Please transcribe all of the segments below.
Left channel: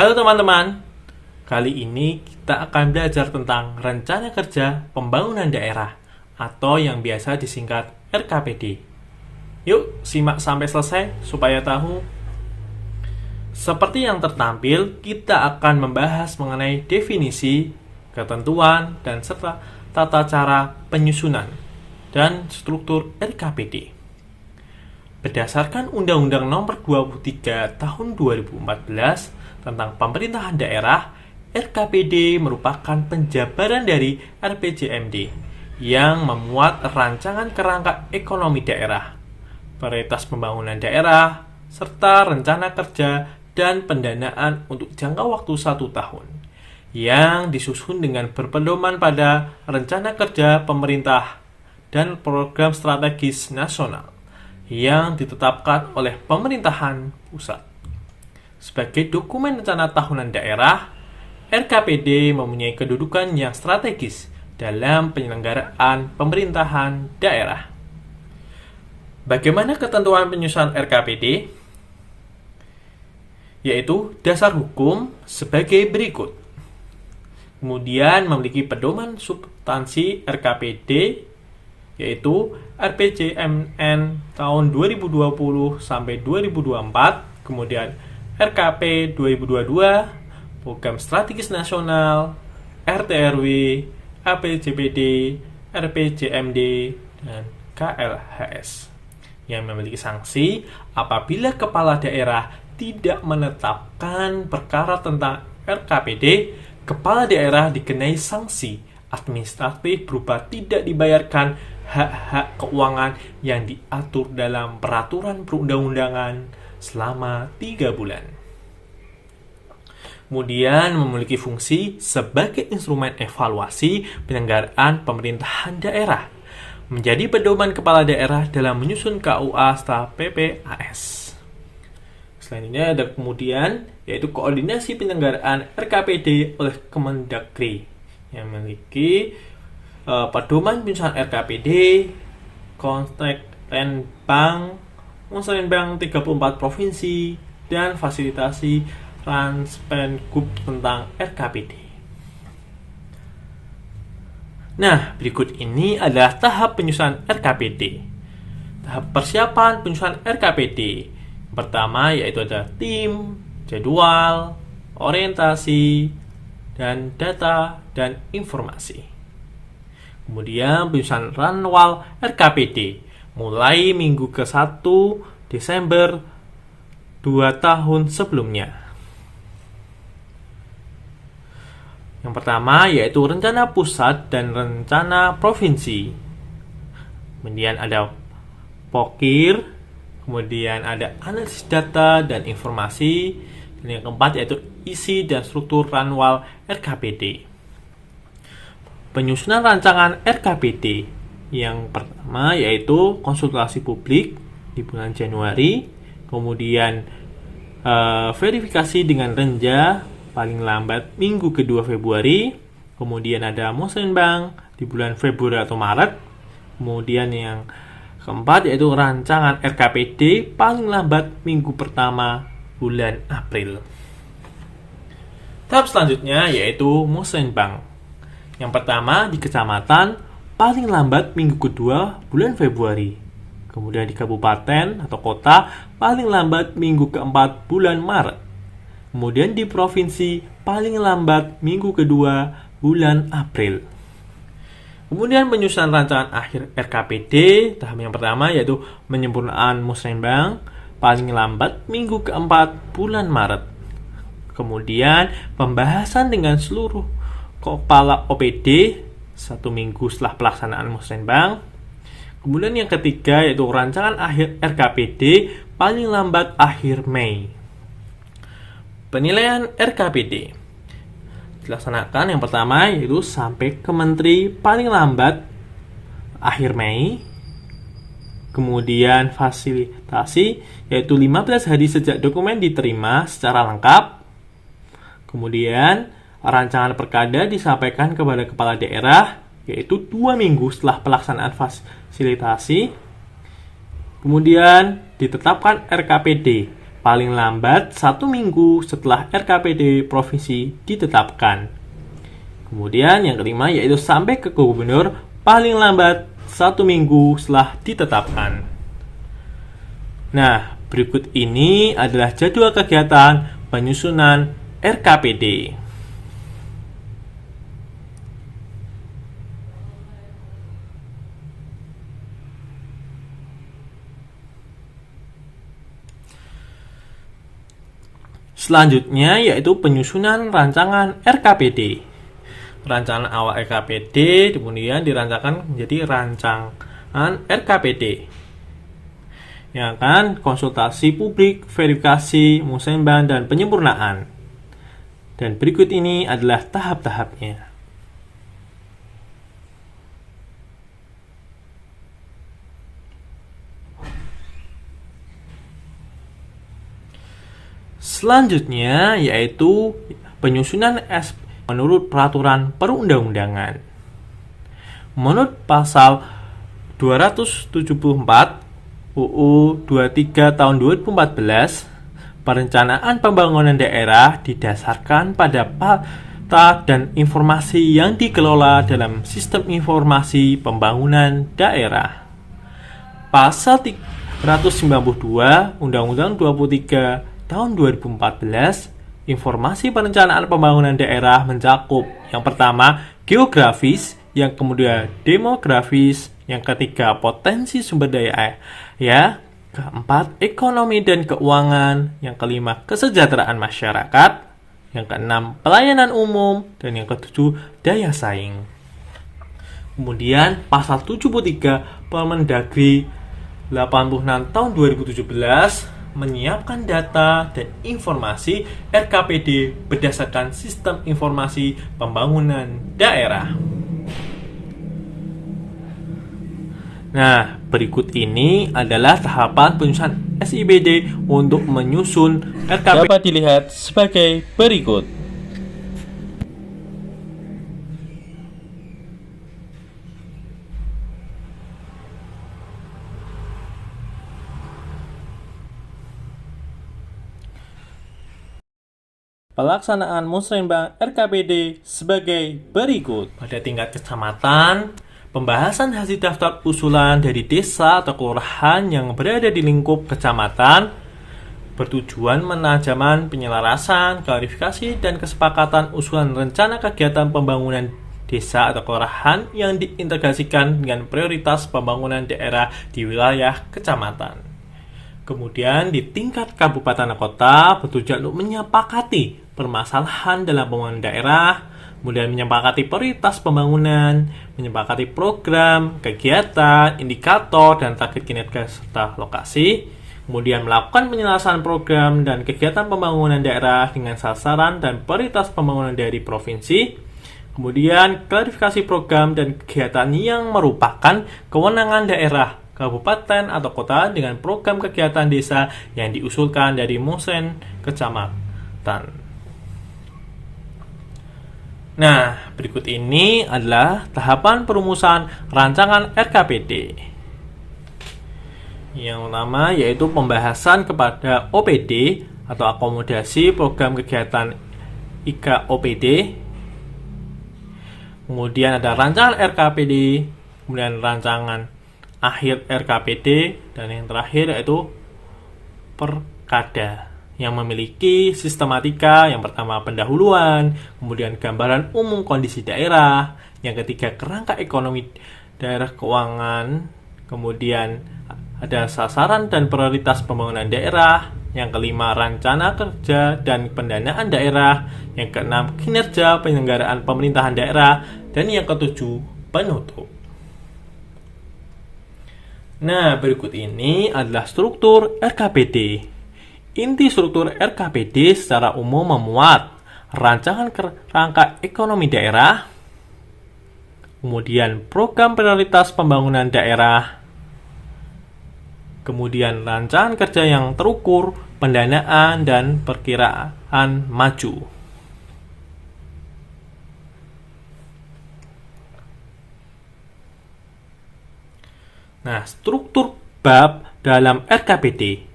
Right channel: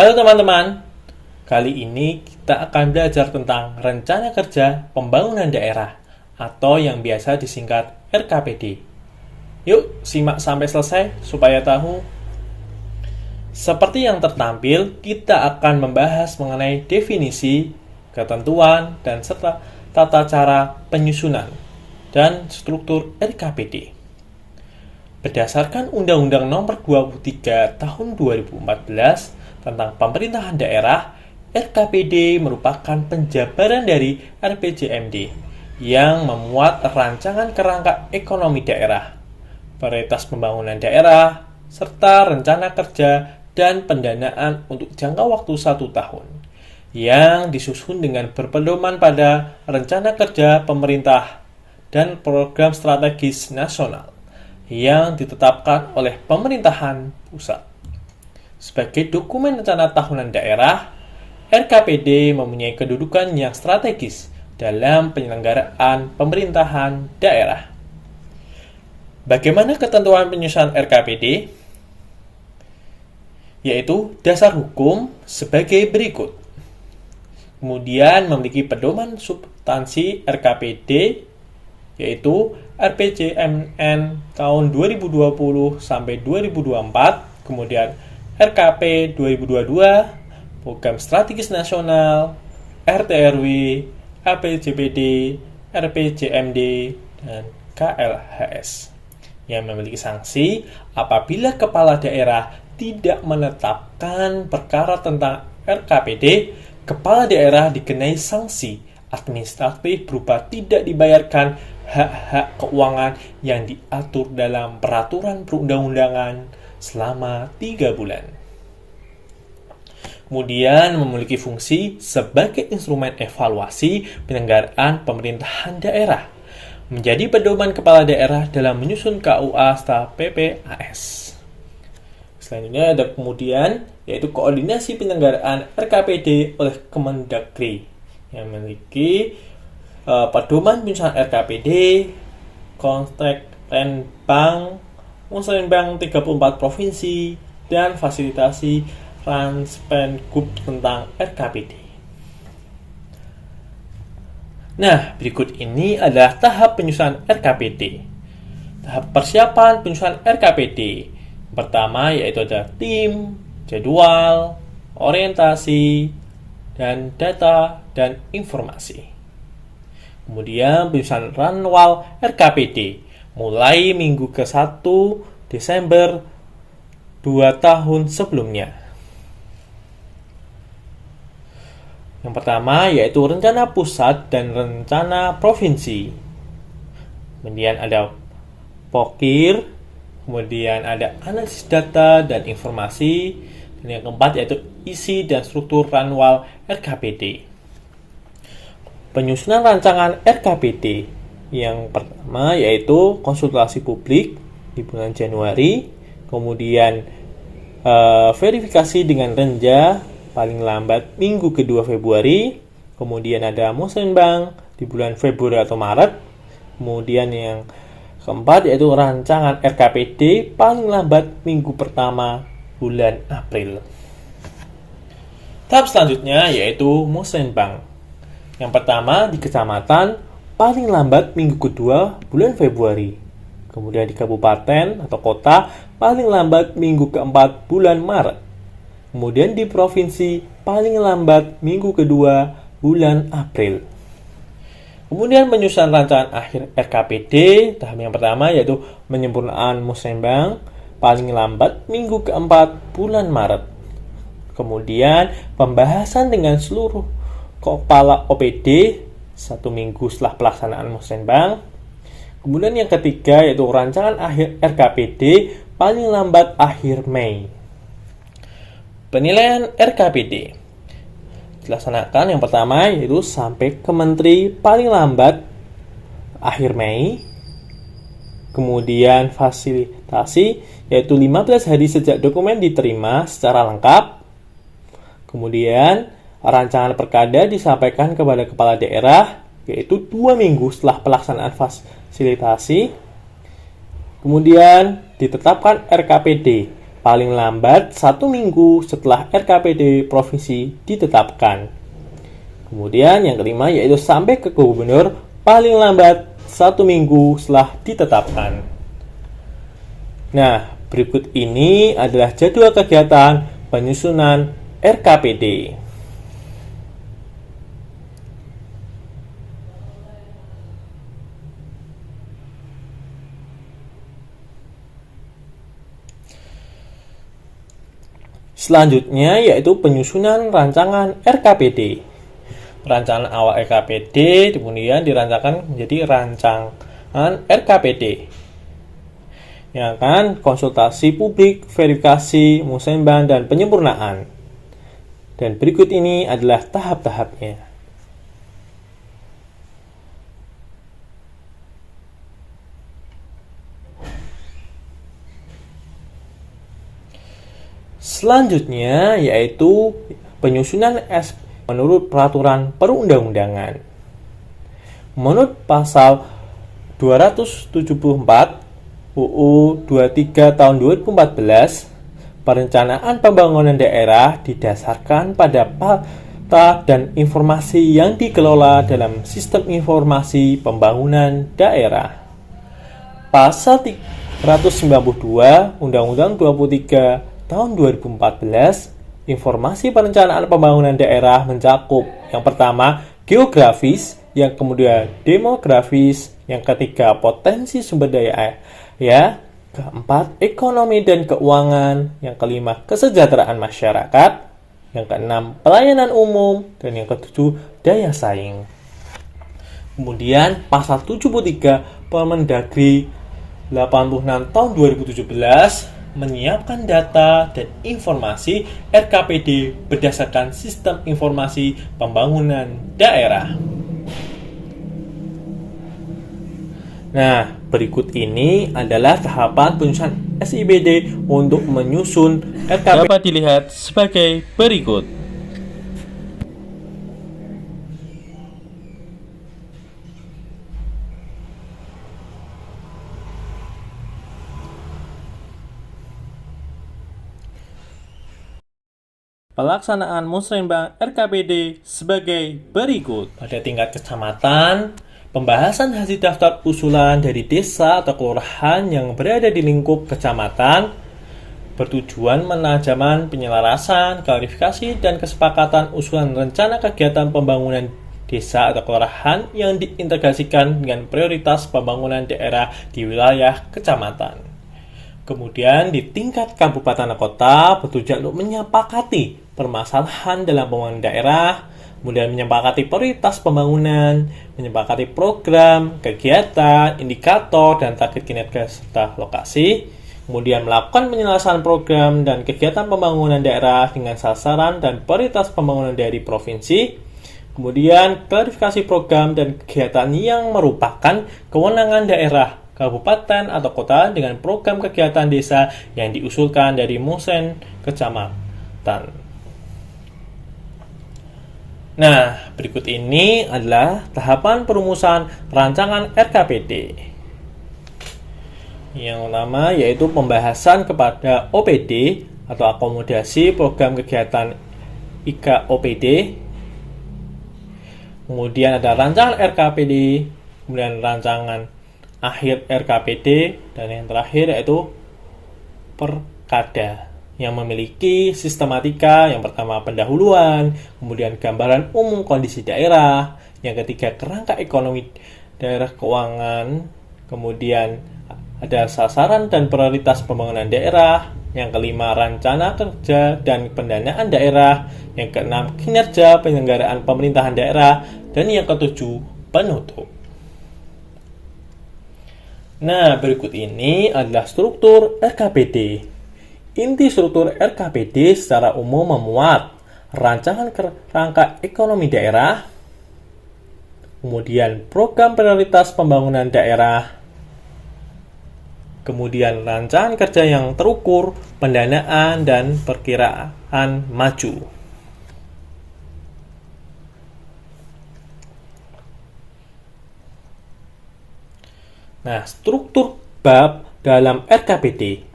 Halo teman-teman, kali ini kita akan belajar tentang Rencana Kerja Pembangunan Daerah atau yang biasa disingkat RKPD. Yuk, simak sampai selesai supaya tahu. Seperti yang tertampil, kita akan membahas mengenai definisi, ketentuan, dan serta tata cara penyusunan dan struktur RKPD. Berdasarkan Undang-Undang Nomor 23 Tahun 2014 tentang pemerintahan daerah, RKPD merupakan penjabaran dari RPJMD yang memuat rancangan kerangka ekonomi daerah, prioritas pembangunan daerah, serta rencana kerja dan pendanaan untuk jangka waktu 1 tahun, yang disusun dengan berpedoman pada rencana kerja pemerintah dan program strategis nasional yang ditetapkan oleh pemerintahan pusat. Sebagai dokumen rencana tahunan daerah, RKPD mempunyai kedudukan yang strategis dalam penyelenggaraan pemerintahan daerah. Bagaimana ketentuan penyusunan RKPD? Yaitu dasar hukum sebagai berikut. Kemudian memiliki pedoman substansi RKPD, yaitu RPJMN tahun 2020 sampai 2024, kemudian RKP 2022, Program Strategis Nasional, RTRW, APJPD, RPJMD, dan KLHS, yang memiliki sanksi apabila kepala daerah tidak menetapkan perkara tentang RKPD, kepala daerah dikenai sanksi administratif berupa tidak dibayarkan hak-hak keuangan yang diatur dalam peraturan perundang-undangan selama 3 bulan. Kemudian memiliki fungsi sebagai instrumen evaluasi penyelenggaraan pemerintahan daerah, menjadi pedoman kepala daerah dalam menyusun KUA serta PPAS. Selanjutnya ada kemudian yaitu koordinasi penyelenggaraan RKPD oleh Kemendagri yang memiliki pedoman penyusunan RKPD, kontrak Renbang, Musrenbang 34 provinsi, dan fasilitasi Ranspenkub tentang RKPD. Nah, berikut ini adalah tahap penyusunan RKPD. Tahap persiapan penyusunan RKPD. Pertama yaitu ada tim, jadwal, orientasi, dan data dan informasi. Kemudian penyusunan ranwal RKPD mulai minggu ke-1 Desember 2 tahun sebelumnya. Yang pertama yaitu rencana pusat dan rencana provinsi. Kemudian ada POKIR, kemudian ada analisis data dan informasi, dan yang keempat yaitu isi dan struktur ranwal RKPD. Penyusunan rancangan RKPD yang pertama yaitu konsultasi publik di bulan Januari, kemudian verifikasi dengan renja paling lambat minggu kedua Februari, kemudian ada musrenbang di bulan Februari atau Maret, kemudian yang keempat yaitu rancangan RKPD paling lambat minggu pertama bulan April. Tahap selanjutnya yaitu musrenbang. Yang pertama di kecamatan paling lambat minggu kedua bulan Februari. Kemudian di kabupaten atau kota paling lambat minggu keempat bulan Maret. Kemudian di provinsi paling lambat minggu kedua bulan April. Kemudian penyusunan rancangan akhir RKPD tahap yang pertama yaitu penyempurnaan musrenbang paling lambat minggu keempat bulan Maret. Kemudian pembahasan dengan seluruh kepala OPD 1 minggu setelah pelaksanaan musrenbang. Kemudian yang ketiga yaitu rancangan akhir RKPD paling lambat akhir Mei. Penilaian RKPD dilaksanakan yang pertama yaitu sampai ke menteri paling lambat akhir Mei. Kemudian fasilitasi yaitu 15 hari sejak dokumen diterima secara lengkap. Kemudian rancangan perkada disampaikan kepada kepala daerah yaitu 2 minggu setelah pelaksanaan fasilitasi. Kemudian ditetapkan RKPD paling lambat 1 minggu setelah RKPD provinsi ditetapkan. Kemudian yang kelima yaitu sampai ke gubernur paling lambat 1 minggu setelah ditetapkan. Nah, berikut ini adalah jadwal kegiatan penyusunan RKPD. Selanjutnya yaitu penyusunan rancangan RKPD. Rancangan awal RKPD kemudian dirancangkan menjadi rancangan RKPD yang akan konsultasi publik, verifikasi, musembah, dan penyempurnaan. Dan berikut ini adalah tahap-tahapnya. Selanjutnya yaitu penyusunan menurut peraturan perundang-undangan. Menurut pasal 274 UU 23 tahun 2014, perencanaan pembangunan daerah didasarkan pada data dan informasi yang dikelola dalam sistem informasi pembangunan daerah. Pasal 392 Undang-Undang 23 tahun 2014, informasi perencanaan pembangunan daerah mencakup yang pertama geografis, yang kemudian demografis, yang ketiga potensi sumber daya, keempat ekonomi dan keuangan, yang kelima kesejahteraan masyarakat, yang keenam pelayanan umum, dan yang ketujuh daya saing. Kemudian pasal 73 Permendagri 86 tahun 2017 menyiapkan data dan informasi RKPD berdasarkan sistem informasi pembangunan daerah. Nah, berikut ini adalah tahapan penyusunan SIBD untuk menyusun RKPD. Dapat dilihat sebagai berikut. Pelaksanaan musrembang RKPD sebagai berikut. Pada tingkat kecamatan, pembahasan hasil daftar usulan dari desa atau kelurahan yang berada di lingkup kecamatan bertujuan menajaman penyelarasan, klarifikasi, dan kesepakatan usulan rencana kegiatan pembangunan desa atau kelurahan yang diintegrasikan dengan prioritas pembangunan daerah di wilayah kecamatan. Kemudian di tingkat kabupaten dan kota bertujuan untuk menyepakati permasalahan dalam pembangunan daerah, kemudian menyepakati prioritas pembangunan, menyepakati program, kegiatan, indikator, dan target kinerja serta lokasi, kemudian melakukan penyelesaian program dan kegiatan pembangunan daerah dengan sasaran dan prioritas pembangunan dari provinsi, kemudian klarifikasi program dan kegiatan yang merupakan kewenangan daerah, kabupaten atau kota dengan program kegiatan desa yang diusulkan dari Musren kecamatan. Nah, berikut ini adalah tahapan perumusan rancangan RKPD. Yang pertama yaitu pembahasan kepada OPD atau akomodasi program kegiatan IKOPD. Kemudian ada rancangan RKPD, kemudian rancangan akhir RKPD, dan yang terakhir yaitu Perkada yang memiliki sistematika. Yang pertama pendahuluan, kemudian gambaran umum kondisi daerah, yang ketiga kerangka ekonomi daerah keuangan, kemudian ada sasaran dan prioritas pembangunan daerah, yang kelima rencana kerja dan pendanaan daerah, yang keenam kinerja penyelenggaraan pemerintahan daerah, dan yang ketujuh penutup. Nah, berikut ini adalah struktur RKPD. Inti struktur RKPD secara umum memuat rancangan kerangka ekonomi daerah, kemudian program prioritas pembangunan daerah, kemudian rancangan kerja yang terukur, pendanaan, dan perkiraan maju. Nah, struktur bab dalam RKPD.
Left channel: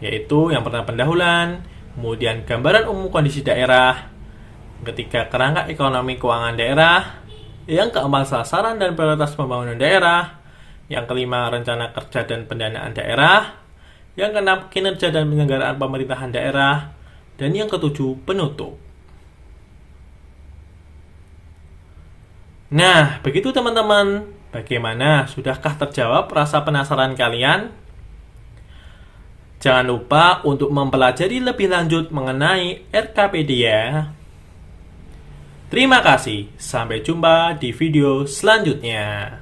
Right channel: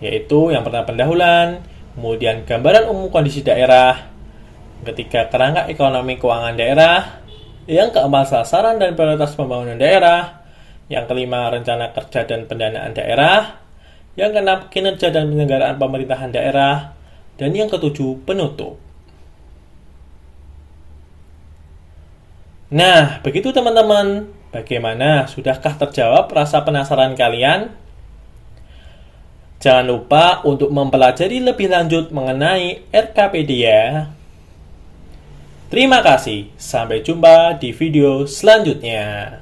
yaitu yang pertama pendahuluan, kemudian gambaran umum kondisi daerah, ketiga kerangka ekonomi keuangan daerah, yang keempat sasaran dan prioritas pembangunan daerah, yang kelima rencana kerja dan pendanaan daerah, yang keenam kinerja dan penyelenggaraan pemerintahan daerah, dan yang ketujuh penutup. Nah, begitu teman-teman. Bagaimana? Sudahkah terjawab rasa penasaran kalian? Jangan lupa untuk mempelajari lebih lanjut mengenai RKPD ya. Terima kasih. Sampai jumpa di video selanjutnya.